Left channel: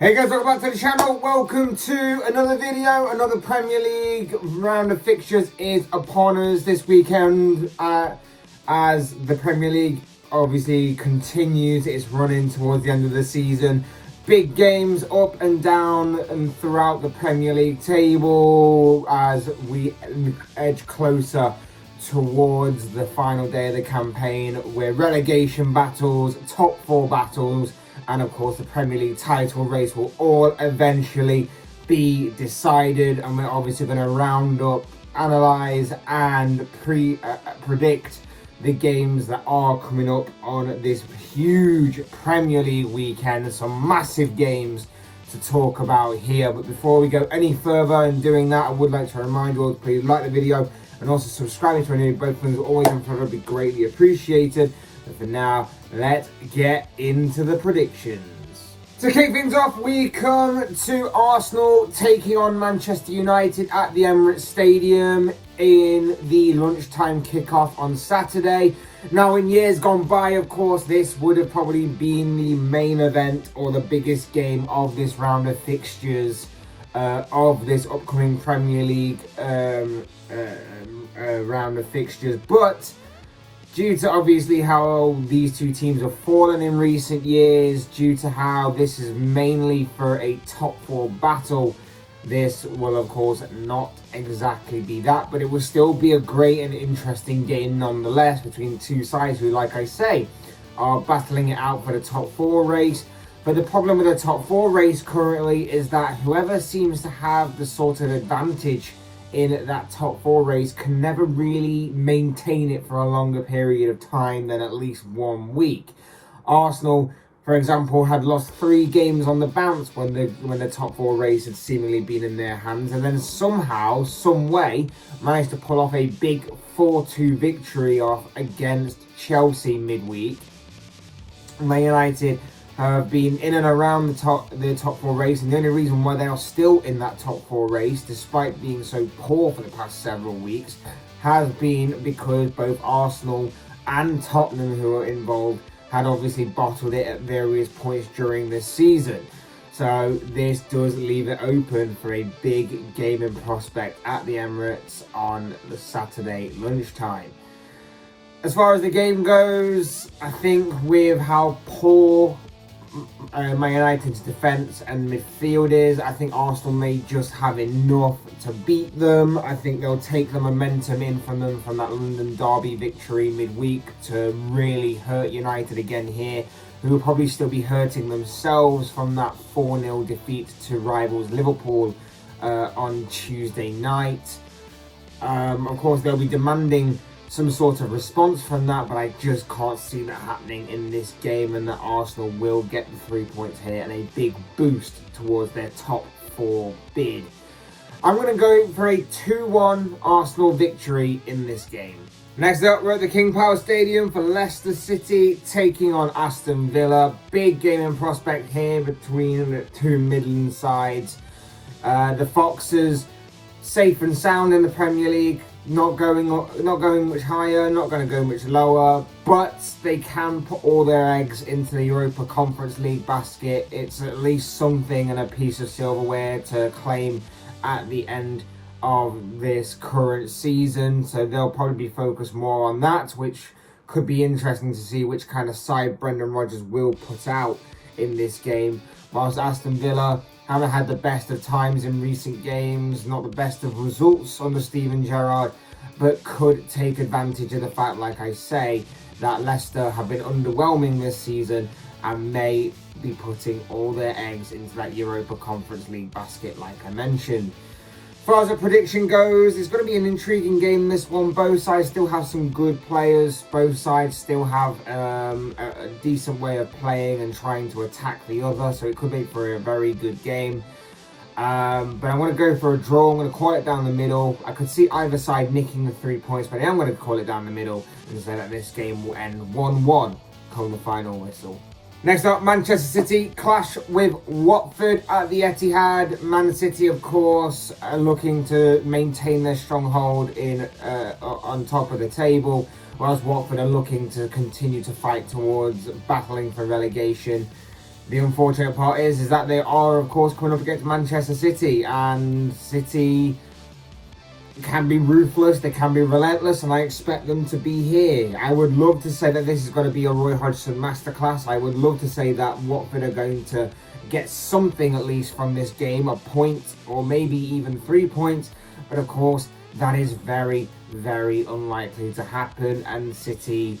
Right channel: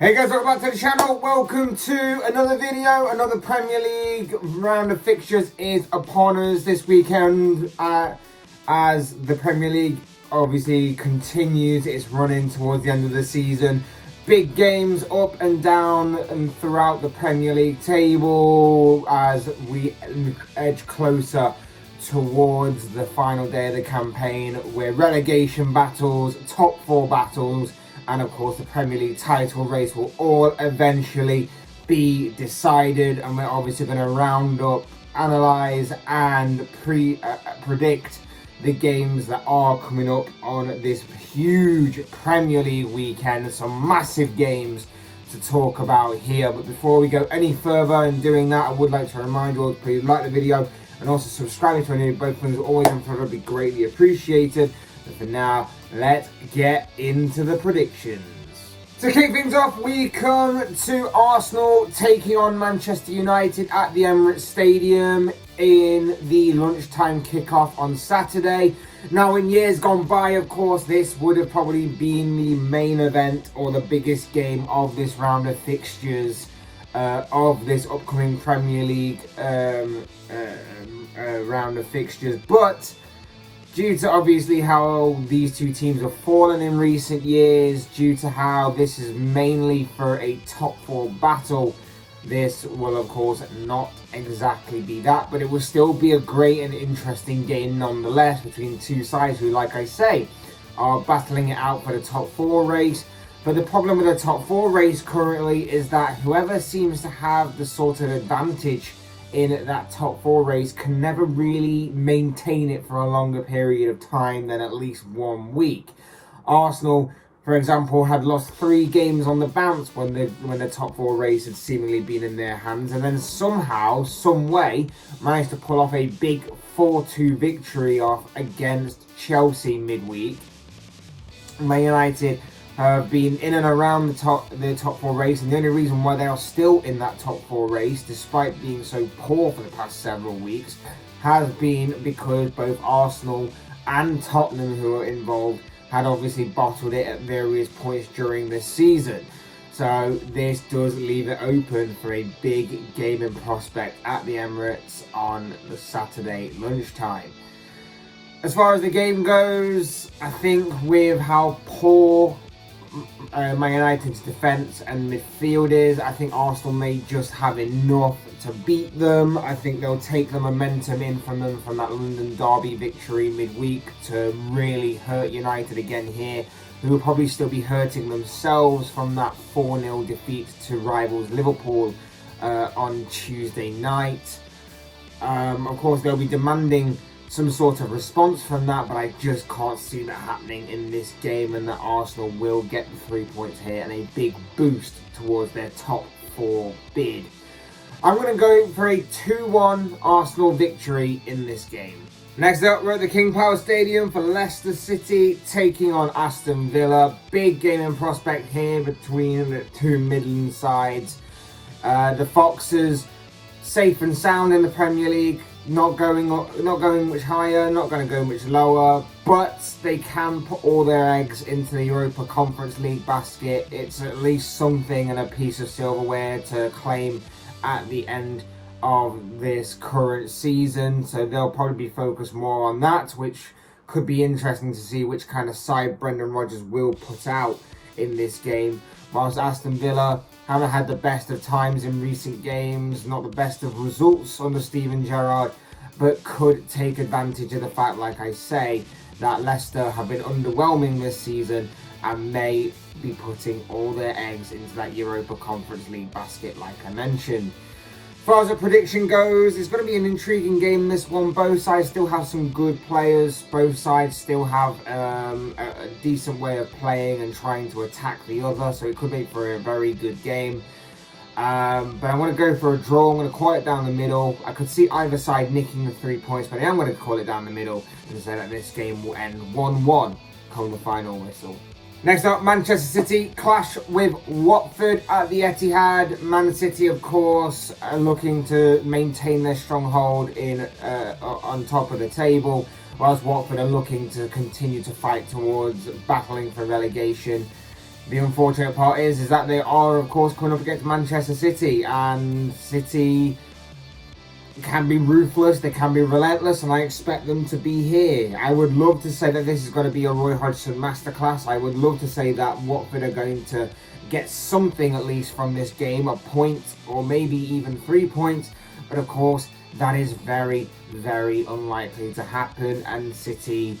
Hey guys, welcome back to the channel. Welcome to another video. Another Premier League round of fixtures is upon us this weekend as the Premier League obviously continues its running towards the end of the season. Big games up and down and throughout the Premier League table as we edge closer towards the final day of the campaign, where relegation battles, top four battles, and of course the Premier League title race will all eventually be decided. And we're obviously going to round up, analyse and predict the games that are coming up on this huge Premier League weekend. Some massive games to talk about here. But before we go any further in doing that, I would like to remind you all to please like the video and also subscribe to any both things. Always and forever be greatly appreciated. But for now, let's get into the predictions. To kick things off, we come to Arsenal taking on Manchester United at the Emirates Stadium in the lunchtime kickoff on Saturday. Now, in years gone by, of course, this would have probably been the main event or the biggest game of this round of fixtures of this upcoming Premier League round of fixtures. But due to obviously how these two teams have fallen in recent years, due to how this is mainly for a top four battle, this will of course not exactly be that, but it will still be a great and interesting game nonetheless between two sides who, like I say, are battling it out for the top four race. But the problem with the top four race currently is that whoever seems to have the sort of advantage in that top four race can never really maintain it for a longer period of time than at least 1 week. Arsenal, for example, had lost 3 games on the bounce when the top four race had seemingly been in their hands, and then somehow, some way, managed to pull off a big 4-2 victory off against Chelsea midweek. Man United have been in and around the top four race, and the only reason why they are still in that top four race, despite being so poor for the past several weeks, has been because both Arsenal and Tottenham, who are involved, had obviously bottled it at various points during this season. So this does leave it open for a big gaming prospect at the Emirates on the Saturday lunchtime. As far as the game goes, I think with how poor Man United's defence and midfield is, I think Arsenal may just have enough to beat them. I think they'll take the momentum in from them from that London derby victory midweek to really hurt United again here, who will probably still be hurting themselves from that 4-0 defeat to rivals Liverpool on Tuesday night. Of course, they'll be demanding some sort of response from that, but I just can't see that happening in this game, and that Arsenal will get the 3 points here and a big boost towards their top 4 bid. I'm going to go for a 2-1 Arsenal victory in this game. Next up, we're at the King Power Stadium for Leicester City taking on Aston Villa. Big gaming prospect here between the two Midland sides. The Foxes, safe and sound in the Premier League. Not going much higher, not going to go much lower, but they can put all their eggs into the Europa Conference League basket. It's at least something and a piece of silverware to claim at the end of this current season. So they'll probably be focused more on that, which could be interesting to see which kind of side Brendan Rodgers will put out in this game. Whilst Aston Villa haven't had the best of times in recent games, not the best of results under Steven Gerrard, but could take advantage of the fact, like I say, that Leicester have been underwhelming this season and may be putting all their eggs into that Europa Conference League basket, like I mentioned. As far as the prediction goes, it's going to be an intriguing game, this one. Both sides still have some good players. Both sides still have a decent way of playing and trying to attack the other, so it could be for a very good game. But I want to go for a draw. I'm going to call it down the middle. I could see either side nicking the 3 points, but I am going to call it down the middle and say that this game will end 1-1 come the final whistle. Next up, Manchester City clash with Watford at the Etihad. Man City, of course, are looking to maintain their stronghold on top of the table, whilst Watford are looking to continue to fight towards battling for relegation. The unfortunate part is that they are, of course, coming up against Manchester City, and City can be ruthless, they can be relentless, and I expect them to be here. I would love to say that this is going to be a Roy Hodgson masterclass. I would love to say that Watford are going to get something at least from this game, a point or maybe even 3 points, but of course that is very, very unlikely to happen, and City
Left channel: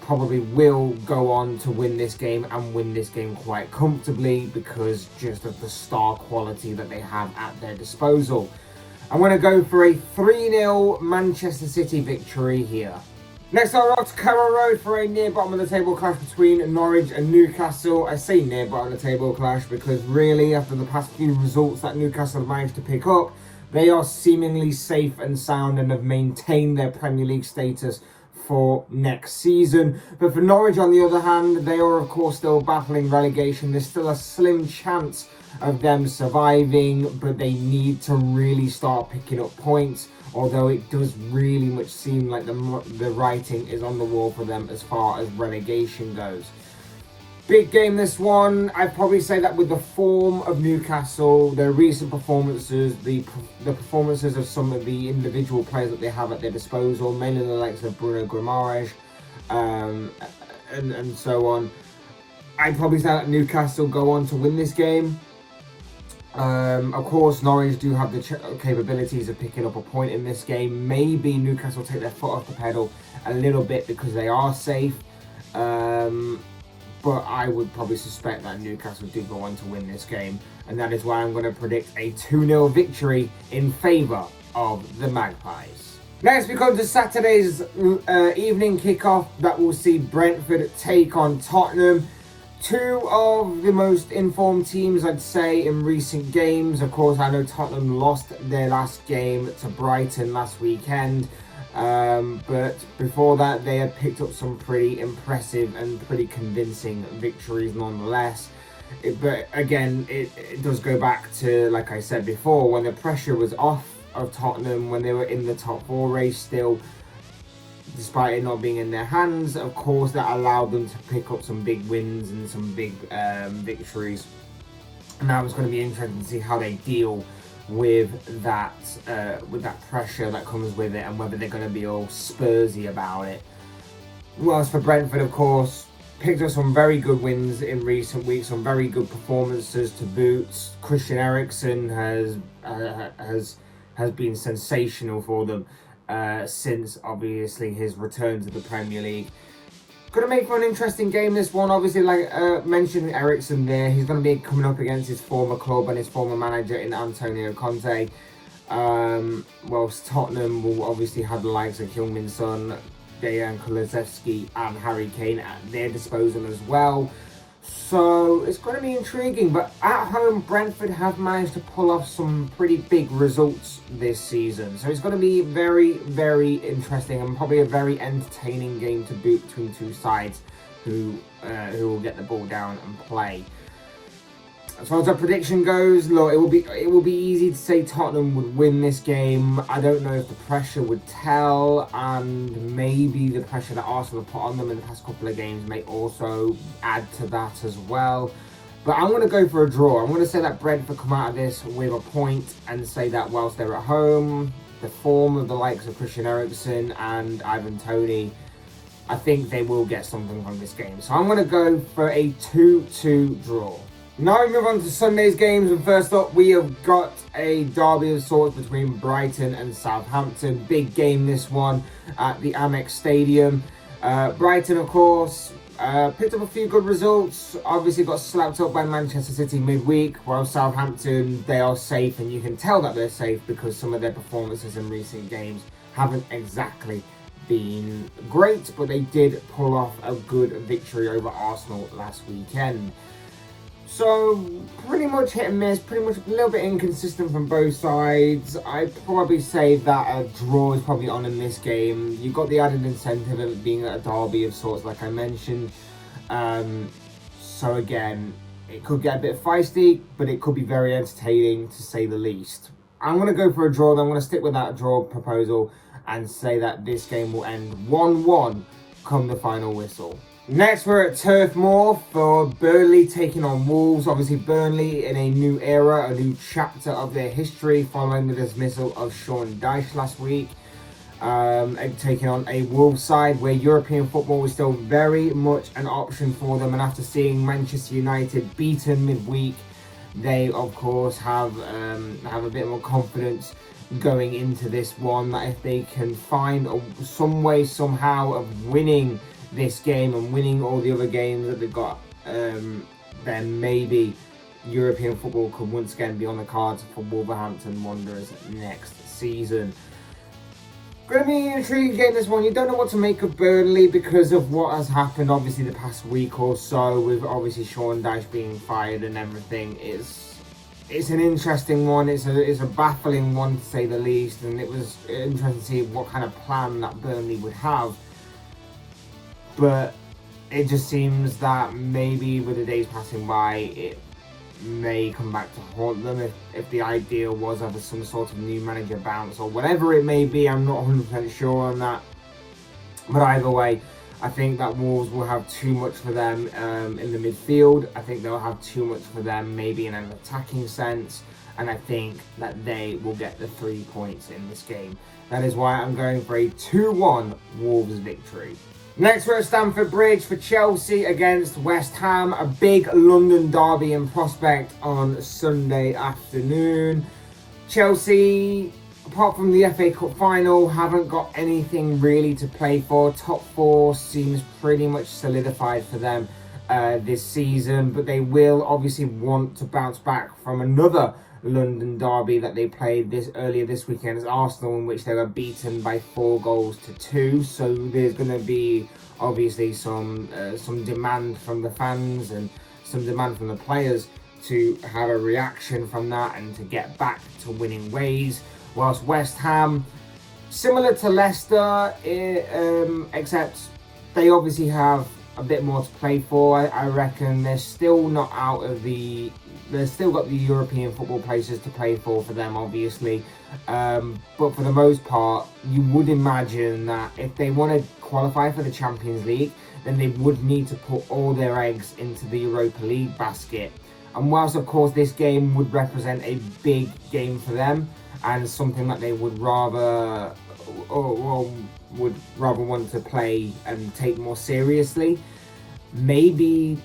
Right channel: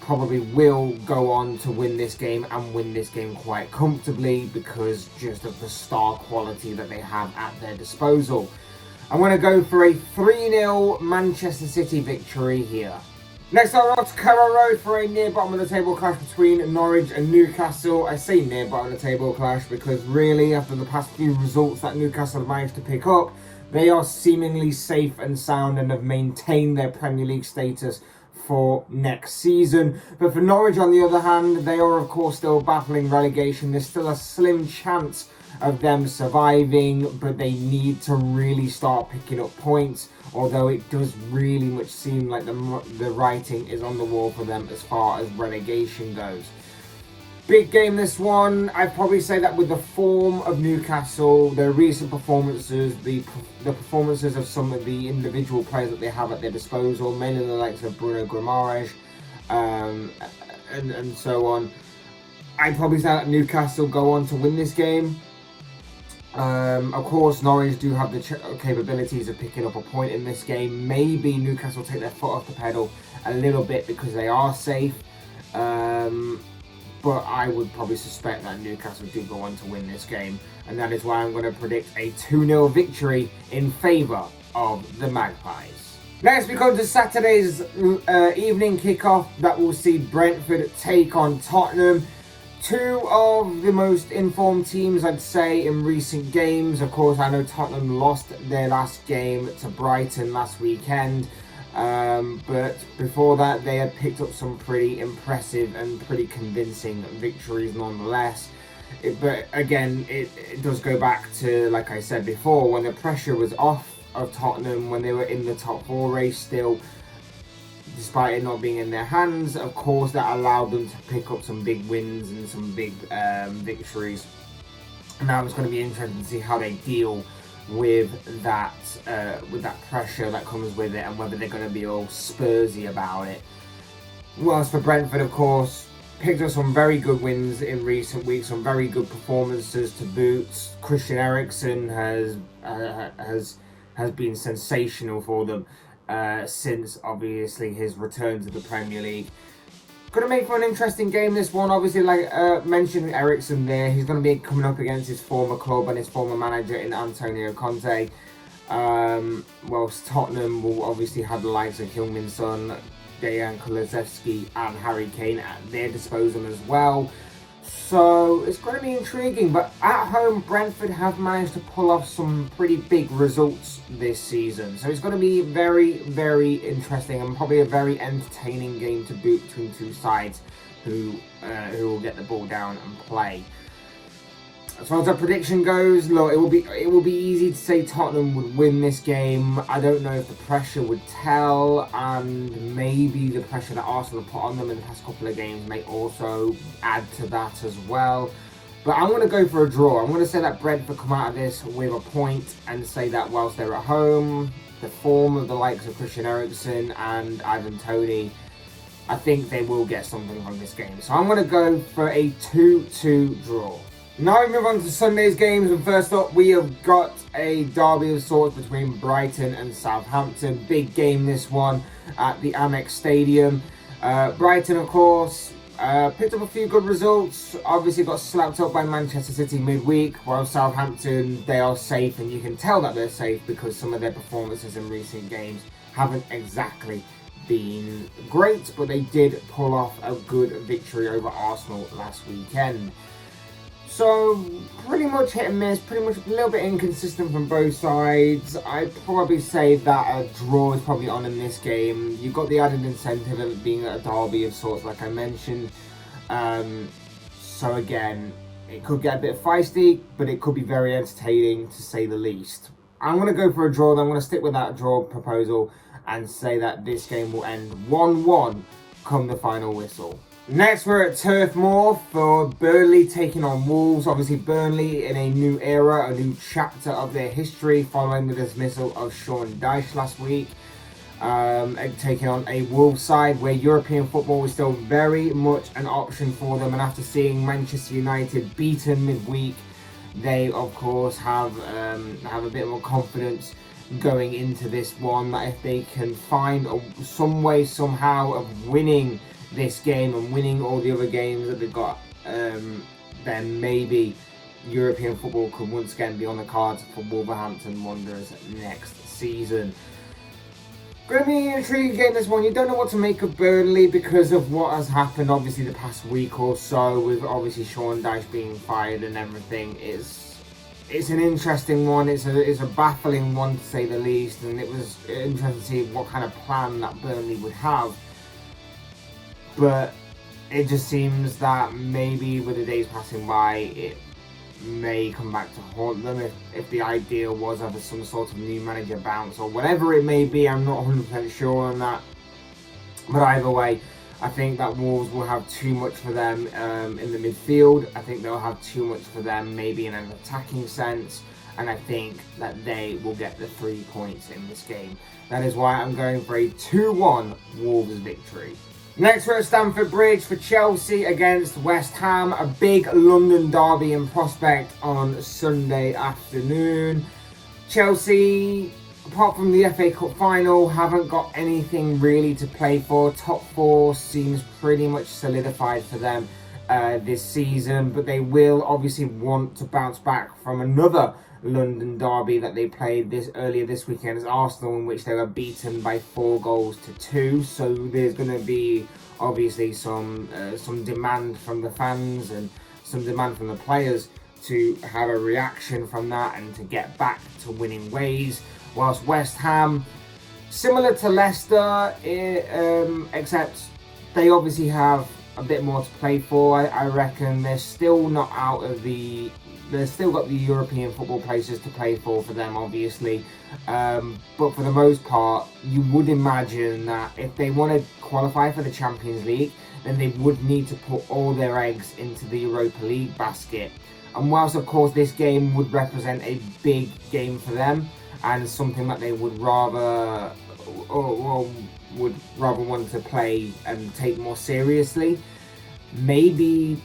probably will go on to win this game and win this game quite comfortably because just of the star quality that they have at their disposal. I'm going to go for a 3-0 Manchester City victory here. Next up, we're off to Carrow Road for a near bottom of the table clash between Norwich and Newcastle. I say near bottom of the table clash because really, after the past few results that Newcastle have managed to pick up, they are seemingly safe and sound and have maintained their Premier League status for next season. But for Norwich, on the other hand, they are of course still battling relegation. There's still a slim chance of them surviving, but they need to really start picking up points, although it does really much seem like the writing is on the wall for them as far as relegation goes. Big game this one. I'd probably say that with the form of Newcastle, their recent performances, the performances of some of the individual players that they have at their disposal, mainly the likes of Bruno Guimaraes and so on, I'd probably say that Newcastle go on to win this game. Of course, Norwich do have the capabilities of picking up a point in this game. Maybe Newcastle take their foot off the pedal a little bit because they are safe. But I would probably suspect that Newcastle do go on to win this game. And that is why I'm going to predict a 2-0 victory in favour of the Magpies. Next, we come to Saturday's evening kickoff that will see Brentford take on Tottenham. Two of the most informed teams, I'd say, in recent games. Of course, I know Tottenham lost their last game to Brighton last weekend. But before that, they had picked up some pretty impressive and pretty convincing victories nonetheless. But again, it does go back to, like I said before, when the pressure was off of Tottenham, when they were in the top 4 race still, despite it not being in their hands. Of course, that allowed them to pick up some big wins and some big victories. And now it's going to be interesting to see how they deal with that pressure that comes with it, and whether they're going to be all Spursy about it. Whilst for Brentford, of course, picked up some very good wins in recent weeks, some very good performances to boot. Christian Eriksen has been sensational for them since obviously his return to the Premier League. Going to make for an interesting game, this one. Obviously, like mentioned Eriksen there, he's going to be coming up against his former club and his former manager in Antonio Conte. Whilst Tottenham will obviously have the likes of Heung-min Son, Dejan Kulusevski and Harry Kane at their disposal as well. So it's going to be intriguing, but at home Brentford have managed to pull off some pretty big results this season. So it's going to be very, very interesting and probably a very entertaining game to boot between two sides who will get the ball down and play. As far as the prediction goes, look, it will be easy to say Tottenham would win this game. I don't know if the pressure would tell, and maybe the pressure that Arsenal have put on them in the past couple of games may also add to that as well. But I'm going to go for a draw. I'm going to say that Brentford come out of this with a point, and say that whilst they're at home, the form of the likes of Christian Eriksen and Ivan Toney, I think they will get something from this game. So I'm going to go for a 2-2 draw. Now we move on to Sunday's games, and first up we have got a derby of sorts between Brighton and Southampton. Big game this one at the Amex Stadium. Brighton, of course, picked up a few good results. Obviously got slapped up by Manchester City midweek, while Southampton, they are safe, and you can tell that they're safe because some of their performances in recent games haven't exactly been great, but they did pull off a good victory over Arsenal last weekend. So, pretty much hit and miss, pretty much a little bit inconsistent from both sides. I'd probably say that a draw is probably on in this game. You've got the added incentive of it being a derby of sorts, like I mentioned. So again, it could get a bit feisty, but it could be very entertaining to say the least. I'm going to go for a draw, I'm going to stick with that draw proposal and say that this game will end 1-1 come the final whistle. Next, we're at Turf Moor for Burnley taking on Wolves. Obviously, Burnley in a new era, a new chapter of their history following the dismissal of Sean Dyche last week. Taking on a Wolves side where European football was still very much an option for them. And after seeing Manchester United beaten midweek, they, of course, have a bit more confidence going into this one. That if they can find some way, somehow, of winning this game and winning all the other games that they've got, then maybe European football could once again be on the cards for Wolverhampton Wanderers next season. Going to be an intriguing game, this one. You don't know what to make of Burnley because of what has happened obviously the past week or so, with obviously Sean Dyche being fired and everything. It's an interesting one. It's a baffling one to say the least, and it was interesting to see what kind of plan that Burnley would have. But it just seems that maybe with the days passing by, it may come back to haunt them if the idea was of some sort of new manager bounce or whatever it may be. I'm not 100% sure on that. But either way, I think that Wolves will have too much for them in the midfield. I think they'll have too much for them maybe in an attacking sense. And I think that they will get the 3 points in this game. That is why I'm going for a 2-1 Wolves victory. Next, we're at Stamford Bridge for Chelsea against West Ham. A big London derby in prospect on Sunday afternoon. Chelsea, apart from the FA Cup final, haven't got anything really to play for. Top 4 seems pretty much solidified for them this season. But they will obviously want to bounce back from another London derby that they played earlier this weekend as Arsenal, in which they were beaten by 4-2. So there's going to be obviously some demand from the fans and some demand from the players to have a reaction from that and to get back to winning ways. Whilst West Ham, similar to Leicester, except they obviously have a bit more to play for. I reckon they're still not out of the... They've still got the European football places to play for them, obviously. But for the most part, you would imagine that if they want to qualify for the Champions League, then they would need to put all their eggs into the Europa League basket. And whilst, of course, this game would represent a big game for them and something that they would rather want to play and take more seriously, maybe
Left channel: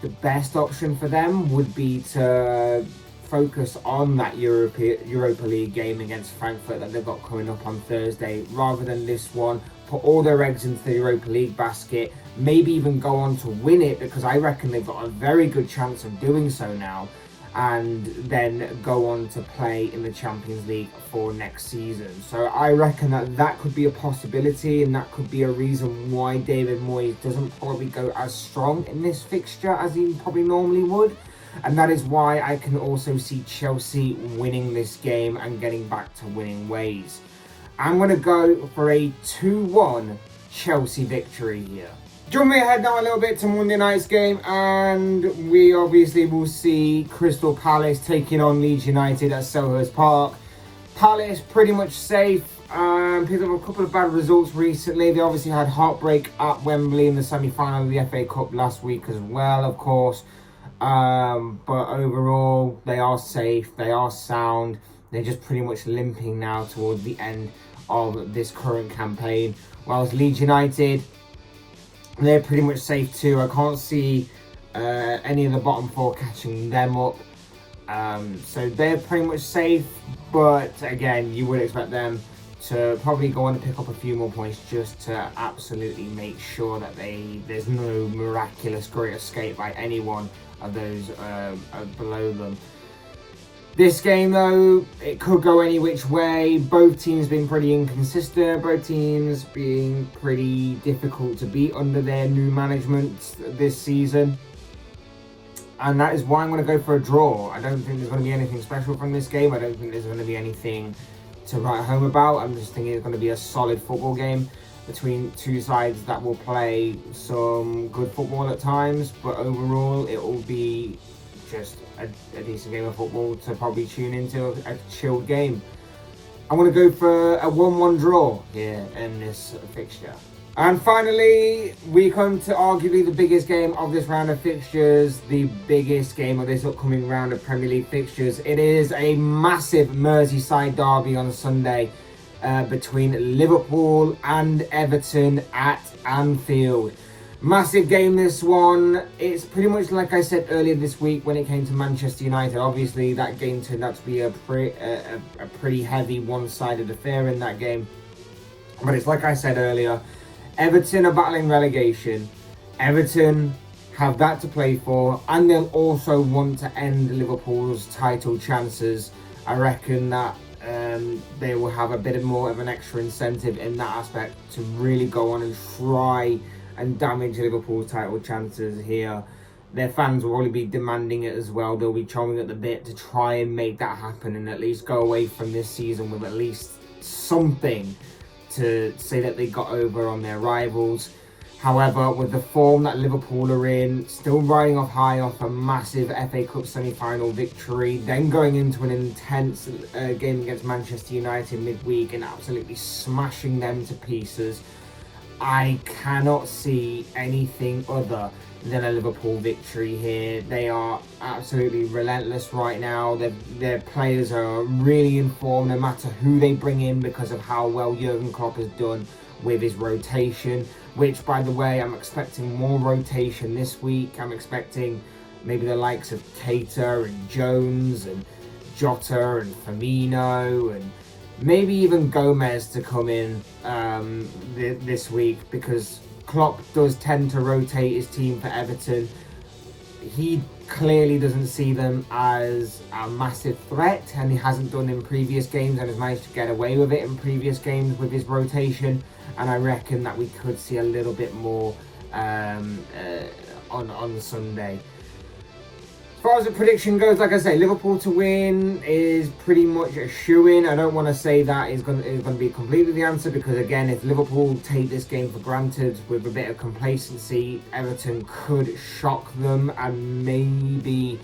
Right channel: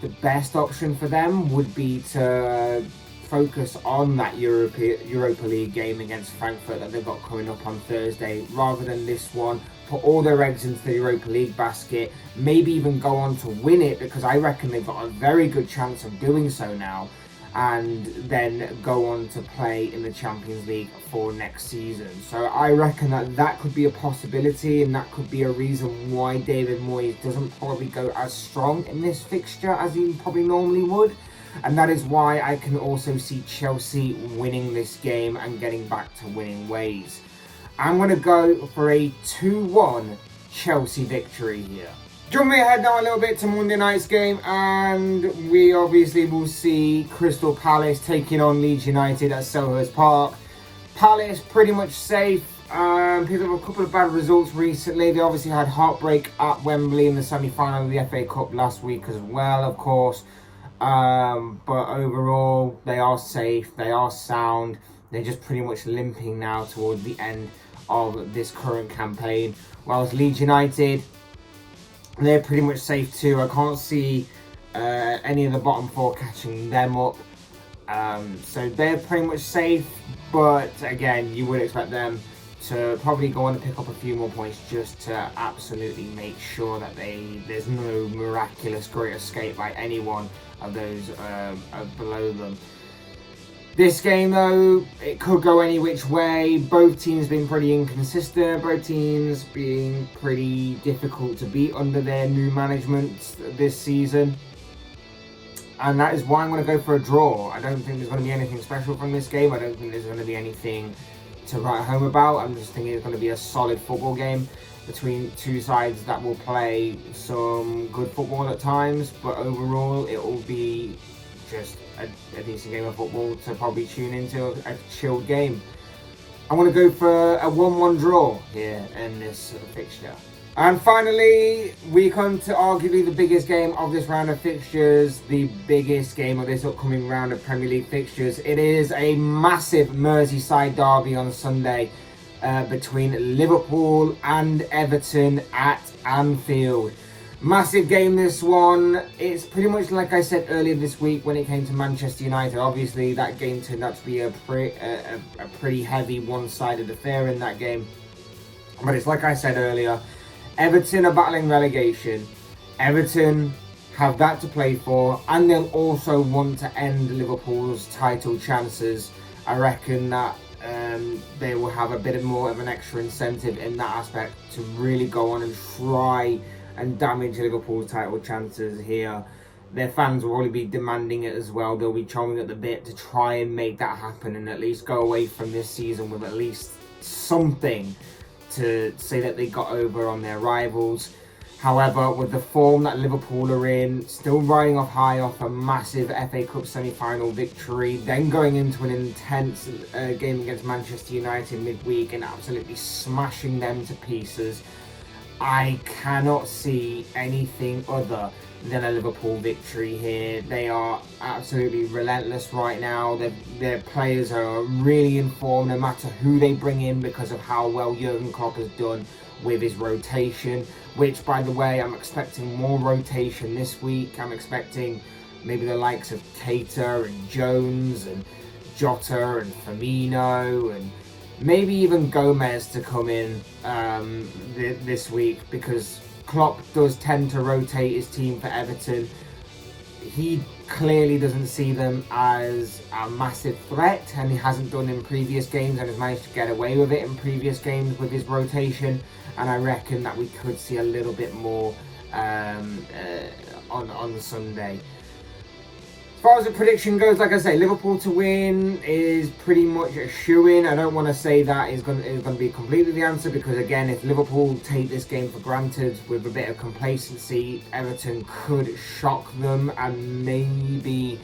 the best option for them would be to focus on that Europa League game against Frankfurt that they've got coming up on Thursday, rather than this one. Put all their eggs into the Europa League basket, maybe even go on to win it, because I reckon they've got a very good chance of doing so now, and then go on to play in the Champions League for next season. So I reckon that could be a possibility, and that could be a reason why David Moyes doesn't probably go as strong in this fixture as he probably normally would. And that is why I can also see Chelsea winning this game and getting back to winning ways. I'm going to go for a 2-1 Chelsea victory here. Jumping ahead now a little bit to Monday night's game, and we obviously will see Crystal Palace taking on Leeds United at Selhurst Park. Palace pretty much safe, picked up a couple of bad results recently. They obviously had heartbreak at Wembley in the semi-final of the FA Cup last week as well, of course. But overall, they are safe, they are sound. They're just pretty much limping now towards the end of this current campaign. Whilst Leeds United, they're pretty much safe too. I can't see any of the bottom 4 catching them up. So they're pretty much safe. But again, you would expect them to probably go on and pick up a few more points just to absolutely make sure that there's no miraculous great escape by anyone of those below them. This game, though, it could go any which way. Both teams being pretty inconsistent. Both teams being pretty difficult to beat under their new management this season. And that is why I'm going to go for a draw. I don't think there's going to be anything special from this game. I don't think there's going to be anything to write home about. I'm just thinking it's going to be a solid football game between two sides that will play some good football at times. But overall, it will be just a decent game of football to probably tune into, a chilled game. I'm going to go for a 1-1 draw here in this fixture. And finally, we come to arguably the biggest game of this round of fixtures, the biggest game of this upcoming round of Premier League fixtures. It is a massive Merseyside derby on Sunday between Liverpool and Everton at Anfield. Massive game, this one. It's pretty much like I said earlier this week when it came to Manchester United. Obviously, that game turned out to be a pretty heavy one-sided affair in that game. But it's like I said earlier, Everton are battling relegation. Everton have that to play for, and they'll also want to end Liverpool's title chances. I reckon that they will have a bit more of an extra incentive in that aspect to really go on and try and damage Liverpool's title chances here. Their fans will probably be demanding it as well. They'll be chomping at the bit to try and make that happen and at least go away from this season with at least something to say that they got over on their rivals. However, with the form that Liverpool are in, still riding off high off a massive FA Cup semi-final victory, then going into an intense game against Manchester United midweek and absolutely smashing them to pieces, I cannot see anything other than a Liverpool victory here. They are absolutely relentless right now. Their players are really in form no matter who they bring in because of how well Jurgen Klopp has done with his rotation, which, by the way, I'm expecting more rotation this week. I'm expecting maybe the likes of Keita and Jones and Jota and Firmino and maybe even Gomez to come in this week, because Klopp does tend to rotate his team for Everton. He clearly doesn't see them as a massive threat, and he hasn't done in previous games and has managed to get away with it in previous games with his rotation. And I reckon that we could see a little bit more on Sunday. As far as the prediction goes, like I say, Liverpool to win is pretty much a shoo-in. I don't want to say that is going to be completely the answer, because again, if Liverpool take this game for granted with a bit of complacency, Everton could shock them, and maybe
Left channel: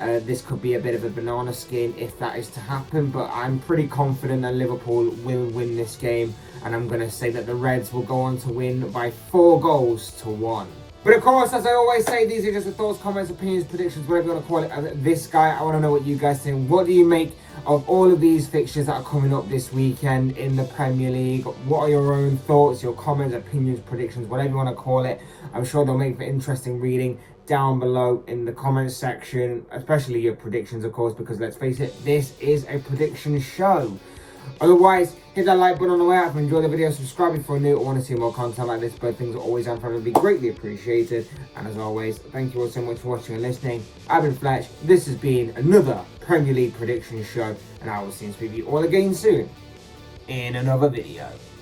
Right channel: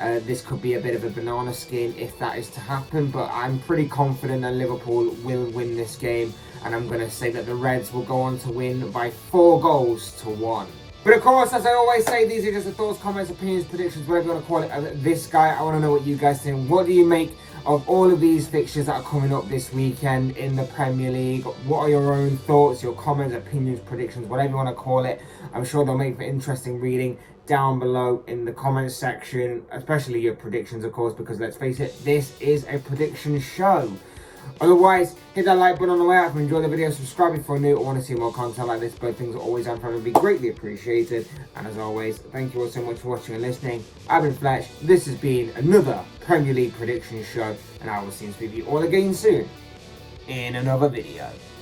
this could be a bit of a banana skin if that is to happen. But I'm pretty confident that Liverpool will win this game, and I'm going to say that the Reds will go on to win by 4-1. But of course, as I always say, these are just the thoughts, comments, opinions, predictions, whatever you want to call it. This guy, I want to know what you guys think. What do you make of all of these fixtures that are coming up this weekend in the Premier League? What are your own thoughts, your comments, opinions, predictions, whatever you want to call it? I'm sure they'll make for interesting reading down below in the comments section, especially your predictions, of course, because let's face it, this is a prediction show. Otherwise, hit that like button on the way out if you enjoyed the video, subscribe if you're new or want to see more content like this. Both things are always and forever be greatly appreciated. And as always, thank you all so much for watching and listening. I've been Fletch, this has been another Premier League prediction show, and I will see you all again soon in another video.